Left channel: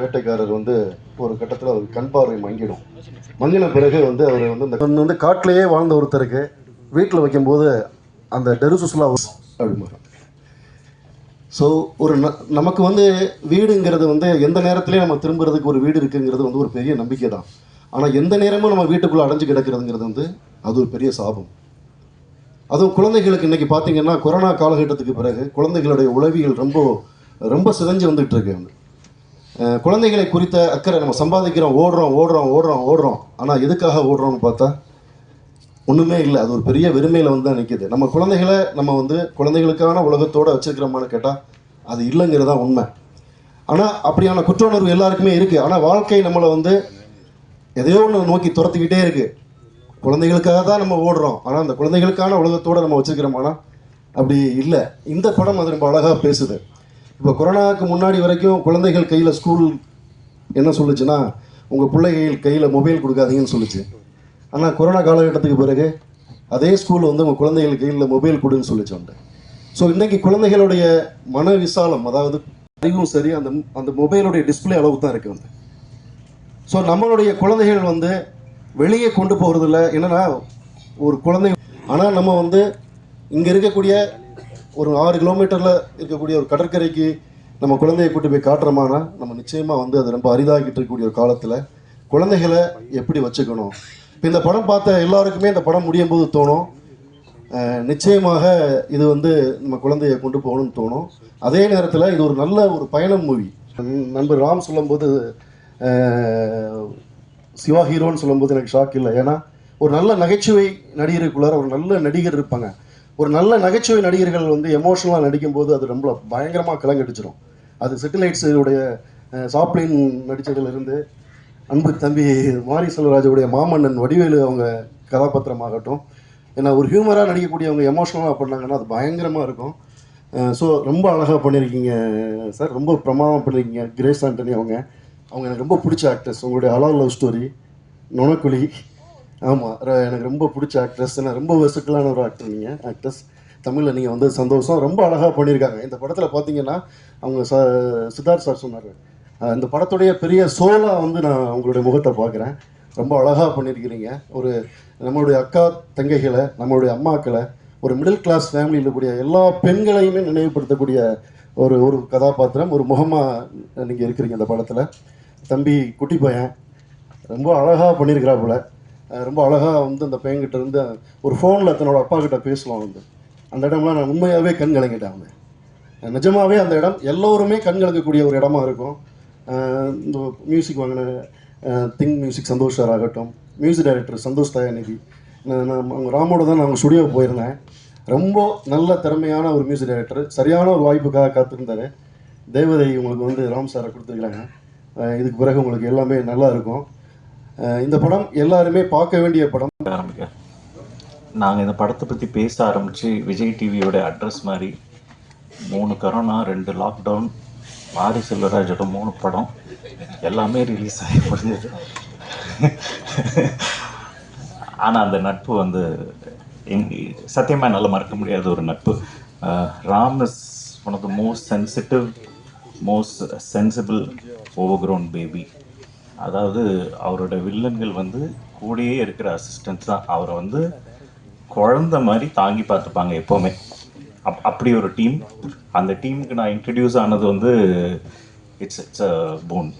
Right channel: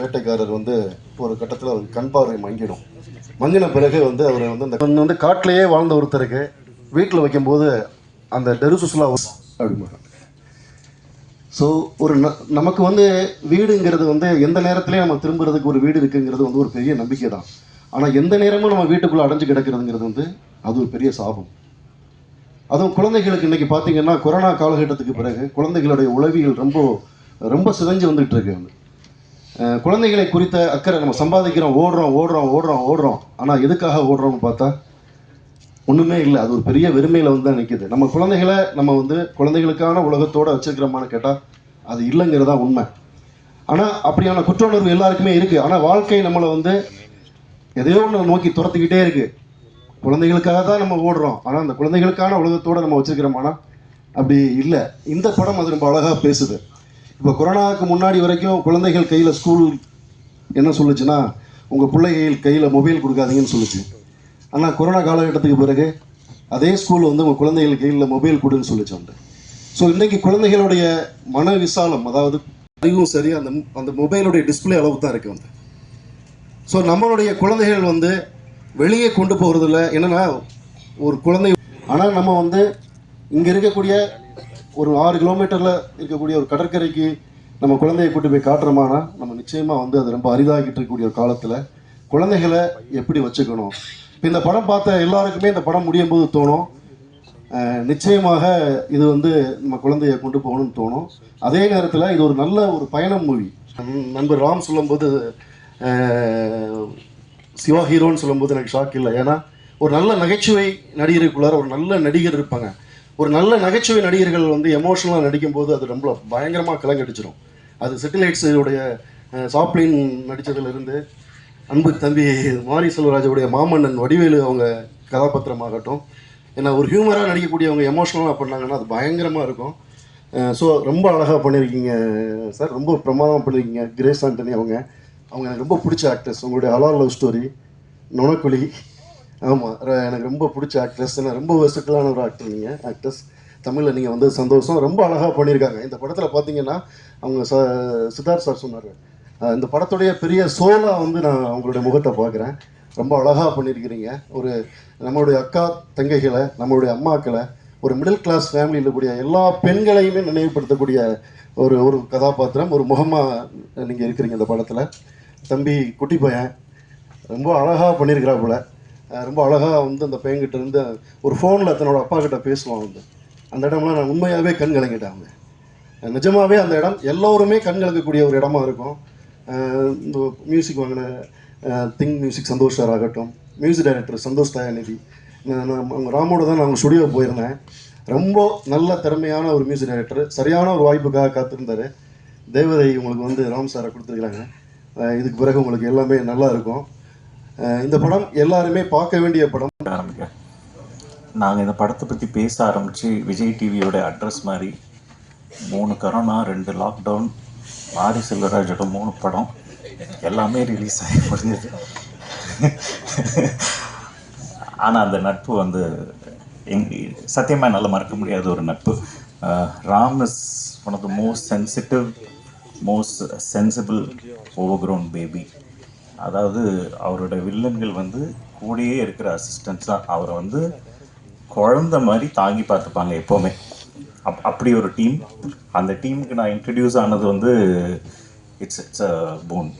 வேட்டைக்காரர் ஒரு கட்டத்தில் அவர் கண் பார்வை மங்கின பிறகு அவர் இந்த காட்டிலேயே வாழ்ந்த ஒருத்தருக்கு வீட்டில் வைக்கும்போது அந்த டெருசுஸ்லாம் அப்படிம்பாங்க. ஸோ நமக்கு வீடுங்கிறது எந்த நேரத்துலையும் நம்ம திரும்புறதுக்கு ஒரு வீடு இருக்குங்கிறது ஒரு பெரிய நம்பிக்கை தான். ஆனால் எந்த நேரமும் நம்ம வீட்டுக்குள்ளே அடைஞ்சு கிடக்கிறதுங்கிறது அது ஒரு பெரிய சாபம். அதுவும் குழந்தைகளுக்கு இன்றைக்கி பார்த்தீங்கன்னா கொரோனா காலகட்டத்துக்கு பிறகு குழந்தைகளுடைய உளவியல் ரொம்ப ரொம்ப சிதைஞ்சு வந்துட்டு இருக்கு. குழந்தைகளை குறித்த அக்கறை நம்ம சம்பாதிக்கிறோம், ஓடுறோம். ஆனால் எதுக்காக ஓடுறோம்னு பார்த்தா ஒன்றுமே இல்லை. அது ஒரு பெரிய வெறுமையில் தான் நிற்கிது. நம்ம குழந்தைகளை நம்ம குழந்தைகளுக்கான உலகத்தோடு வச்சுருக்கிறோமான்னு கேட்டால் அது இல்லைங்கிறதா உண்மை. ஆனால் அப்படியான குற்ற உணர்வு எல்லாருக்குமே இருக்குது. ஆனால் வாழ்க்கை நம்மளை எதையோ ஒன்று நோக்கி துரத்துக்கிட்டே இருக்குது. குழந்தைகளுக்காக தான் நம்ம ஓடுறோம், ஆனால் அந்த குழந்தைகளுக்கான உலகத்தோடு நம்ம வச்சுருக்கிறோமானா அப்படி இல்லை. இந்த படம் அது ரொம்ப அழகாக பேசுது. இப்போ கொரோனாவுக்கு முன்னாடி வரைக்கும் குழந்தைகள் கையில் ஸ்கூல் என்ன சொல்லுச்சுன்னா, உங்கள் பிள்ளைகள் கையில் மொபைல் கொடுக்காதீங்கன்னு சொல்லுச்சு. ஆனால் கொரோனா காலகட்டத்துக்கு பிறகு அதே ஸ்கூல் உங்கள் குழந்தைகள் கையில் மொபைல் கொடுன்னு சொல்லிச்சு. ஸோ இன்றைக்கி குழந்தைகளுடைய மன விசாலம், அதாவது அறிவும் சரி, அந்த மொபைலுடைய டிஸ்பிளே அளவு தான் இருக்குது. ஸோ நம்மளுடைய குழந்தைகள் வெளியே கொண்டு போகிறதில்ல. என்னென்னா ஒரு குழந்தை, ஆனால் நம்ம இங்கே இருக்கக்கூடிய ஒரு 6 கிலோமீட்டரில் இருக்கக்கூடிய ஒரு கடற்கரைக்கு நம்ம குழந்தையை கூட்டு போய் காட்டுறோமானா நம்ம நிச்சயமாக அது ரொம்ப அரிதாகிட்டு இருக்கக்கூடிய ஒரு காலத்தில் குழந்தைகளை எப்படி வச்சுக்கணும். இந்த படம் பார்த்த எல்லாருக்குமே இந்த படம் முடியும் போது தோணும், நிச்சயமாக இது நம்ம குழந்தையை கொண்டு போகணும்னு தோணும். அதே நேரத்தில் இது ஒரு நல்ல ஒரு பயணம் மூவி. நண்பர் ராம் சொல்லும்போது சிவா ஹீரோன்னு சொல்லும்போது எனக்கு ஷாக் இல்லை. ஏன்னா ஒரு நல்ல நகைச்சுவை நடிகருக்குள்ளார ஒரு நல்ல நடிகர் இருப்பாங்க. ஒரு நல்ல நகைச்சுவை நடிகர்கள் எமோஷனலாக நடிக்கும்போது அது ரொம்ப பயங்கரமாக கலங்கடிச்சிடும். அது செட்டிலைட்ஸுடைய சாப்ளின் நடித்ததுலேருந்து அன்பு தம்பி மாரி செல்வராஜுடைய மாமன்னன் வடிவேலு அவங்க கதாபாத்திரமாகட்டும், ஏன்னா ஒரு ஹியூமராக நடிக்கக்கூடியவங்க எமோஷனலாக பண்ணாங்கன்னா அது பயங்கரமாக இருக்கும். ஸோ ரொம்ப அழகாக பண்ணியிருக்கீங்க சார், ரொம்ப பிரமாதமாக பண்ணியிருக்கீங்க. கிரேஸ் ஆண்டனி அவங்க எனக்கு ரொம்ப பிடிச்ச ஆக்ட்ரஸ். உங்களுடைய ஹலால் லவ் ஸ்டோரி, நுணக்குழி, ஆமாம் எனக்கு ரொம்ப பிடிச்ச ஆக்ட்ரஸ். ஏன்னா ரொம்ப வெர்சட்டிலான ஒரு ஆக்ட்ரஸ். தமிழில் நீங்கள் சந்தோஷம், ரொம்ப அழகாக பண்ணியிருக்காங்க. இந்த படத்தில் பார்த்தீங்கன்னா அவங்க சித்தார்த் சார் சொன்னார், இந்த படத்துடைய பெரிய சோலாக நான் அவங்களுடைய முகத்தை பார்க்குறேன். ரொம்ப அழகாக பண்ணியிருக்கிறீங்க. நம்மளுடைய அக்கா தங்கைகளை, நம்மளுடைய அம்மாக்களை, ஒரு மிடில் கிளாஸ் ஃபேமிலியில் இருக்கக்கூடிய எல்லா பெண்களையுமே நினைவுபடுத்தக்கூடிய ஒரு கதாபாத்திரம், ஒரு முகமாக நீங்கள் இருக்கிறீங்க இந்த படத்தில். தம்பி குட்டி பையன் ரொம்ப அழகாக பண்ணியிருக்கிறாப்புல. ரொம்ப அழகாக அந்த பையன்கிட்ட இருந்து ஒரு ஃபோனில் தன்னோட அப்பா கிட்ட பேசுவான். அந்த இடம்லாம் நான் உண்மையாகவே கண் கலங்கிட்டேன். நிஜமாகவே அந்த இடம் எல்லோருமே கண் கலங்கக்கூடிய ஒரு இடமா இருக்கும். இந்த மியூசிக் வாங்கின திங் மியூசிக் சந்தோஷ் சார் ஆகட்டும், மியூசிக் டைரக்டர் சந்தோஷ் தயாநிதி, நான் ராமோடு தான் நான் ஸ்டுடியோவுக்கு போயிருந்தேன். ரொம்ப நல்ல திறமையான ஒரு மியூசிக் டைரக்டர், சரியான ஒரு வாய்ப்புக்காக காத்திருந்தார். தேவதை உங்களுக்கு ராம் சாரை கொடுத்துருக்குறாங்க. இதுக்கு பிறகு உங்களுக்கு எல்லாமே நல்லா இருக்கும். இந்த படம் எல்லாருமே பார்க்க வேண்டிய படம். நாங்கள் இந்த படத்தை பற்றி பேச ஆரம்பித்து விஜய் டிவியோட அட்ரஸ் மாதிரி 3 கொரோனா, 2 லாக்டவுன், மாரி செல்வராஜோட 3 படம் எல்லாமே ரிலீஸ் ஆகி முடிஞ்சது. ஆனால் அந்த நட்பு சத்தியமாக என்னால் மறக்க முடியாத ஒரு நட்பு. Ram is one of the most sensitive, most sensible overgrown baby. அதாவது அவரோட வில்லன்கள் கூடயே இருக்கிற அசிஸ்டன்ஸ் தான் அவரை குழந்த மாதிரி தாங்கி பார்த்துப்பாங்க எப்போவுமே. அப்படி ஒரு டீம். அந்த டீமுக்கு நான் இன்ட்ரடியூஸ் ஆனது இட்ஸ் அ போன்.